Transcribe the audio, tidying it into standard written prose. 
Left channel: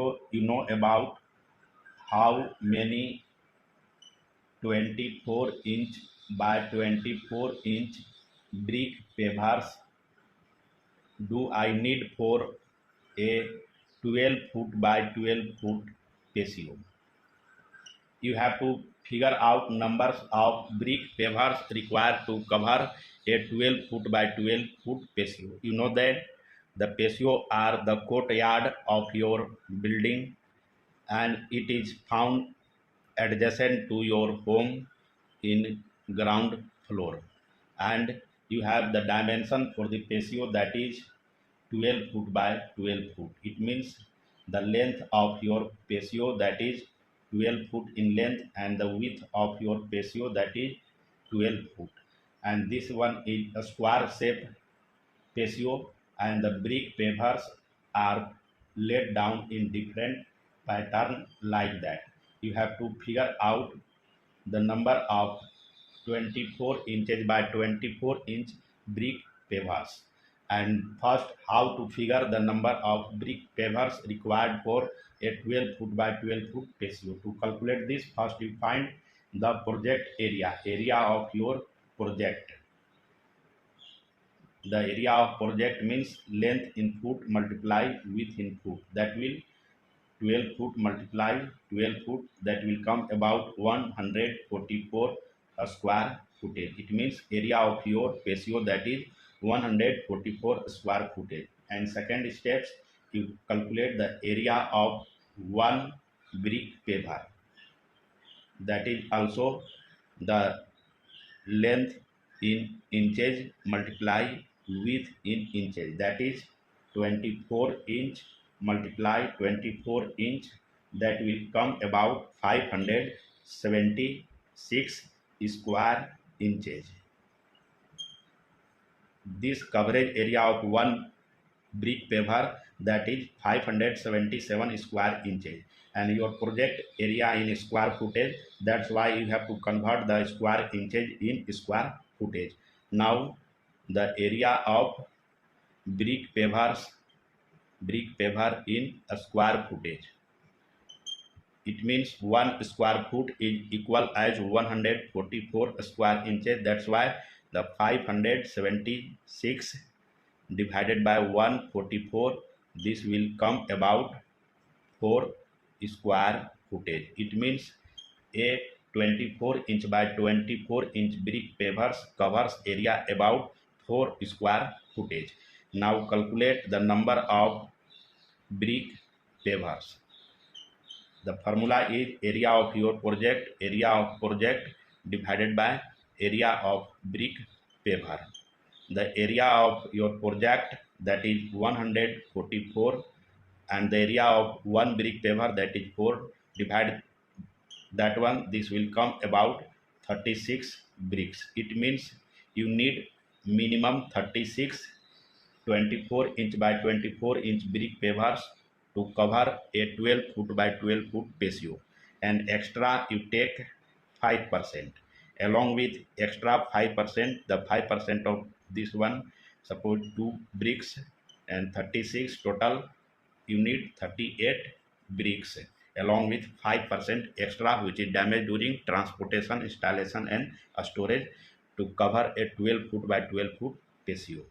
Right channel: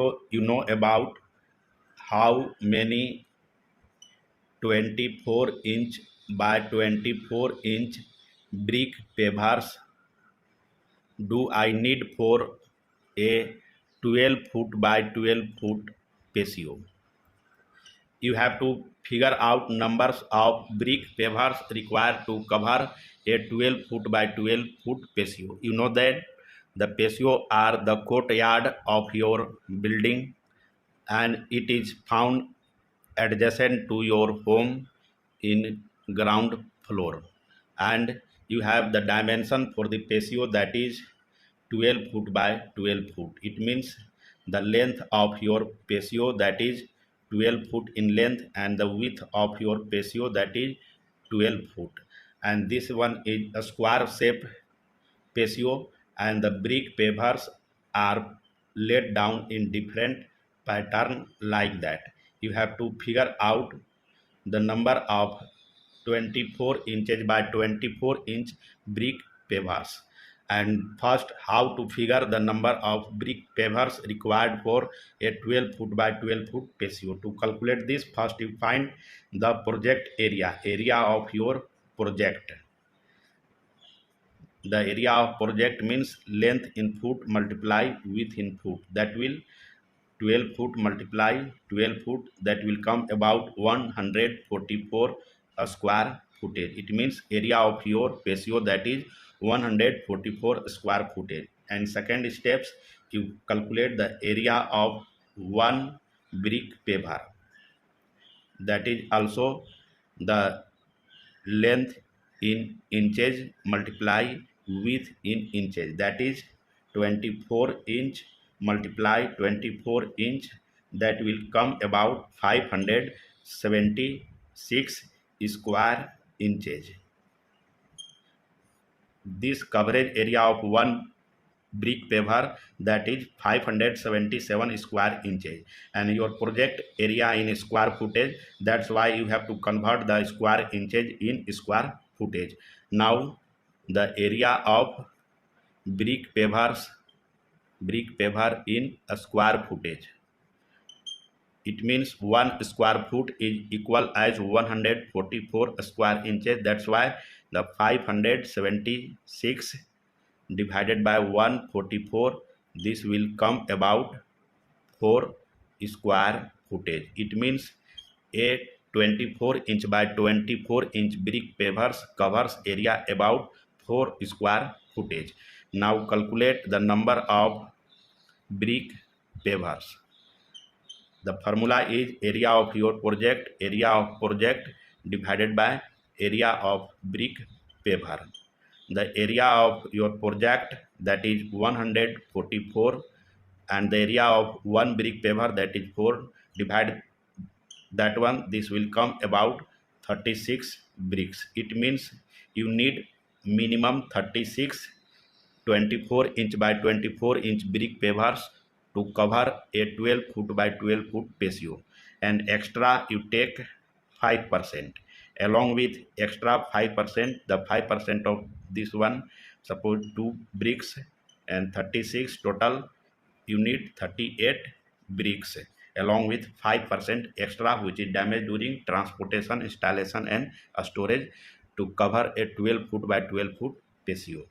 patio, you know about how many 24-inch by 24-inch brick pavers do I need for a 12-foot by 12-foot patio? You have to figure out numbers of brick pavers required to cover a 12-foot by 12-foot patio. You know that the patio are the courtyard of your building, and it is found adjacent to your home in ground floor, and you have the dimension for the patio, that is 12 foot by 12 foot. It means the length of your patio, that is 12 foot in length, and the width of your patio, that is 12 foot. And this one is a square shape patio, and the brick pavers are laid down in different pattern like that. You have to figure out the number of 24 inches by 24-inch brick pavers. And first, how to figure the number of brick pavers required for a 12 foot by 12 foot patio. To calculate this, first you find the project area of your project. The area of project means length in foot multiply width in foot. That will 12 foot multiply 12 foot, that will come about 144 square footage. It means area of your patio, that is 144 square footage. And second steps, you calculate the area of one brick paver, that is also the length in inches multiply width in inches, that is 24 inch multiply 24 inch, that will come about 576 square inches. This coverage area of one brick paver, that is 577 square inches, and your project area in square footage, that's why you have to convert the square inches in square footage. Now the area of brick paver in a square footage, it means 1 square foot is equal as 144 square inches. That's why the 576 divided by 144, this will come about 4 square footage. It means a 24-inch by 24-inch brick pavers covers area about 4 square footage. Now calculate the number of brick pavers. The formula is area of your project divided by area of brick paver. The area of your project, that is 144, and the area of one brick paver, that is 4, divide that one, this will come about 36 bricks. It means you need minimum 36 24-inch by 24-inch brick pavers to cover a 12 foot by 12 foot patio, and extra you take 5%. Along with extra 5%, the 5% of this one, suppose 2 bricks and 36 total, you need 38 bricks, along with 5% extra which is damaged during transportation, installation and storage, to cover a 12 foot by 12 foot patio.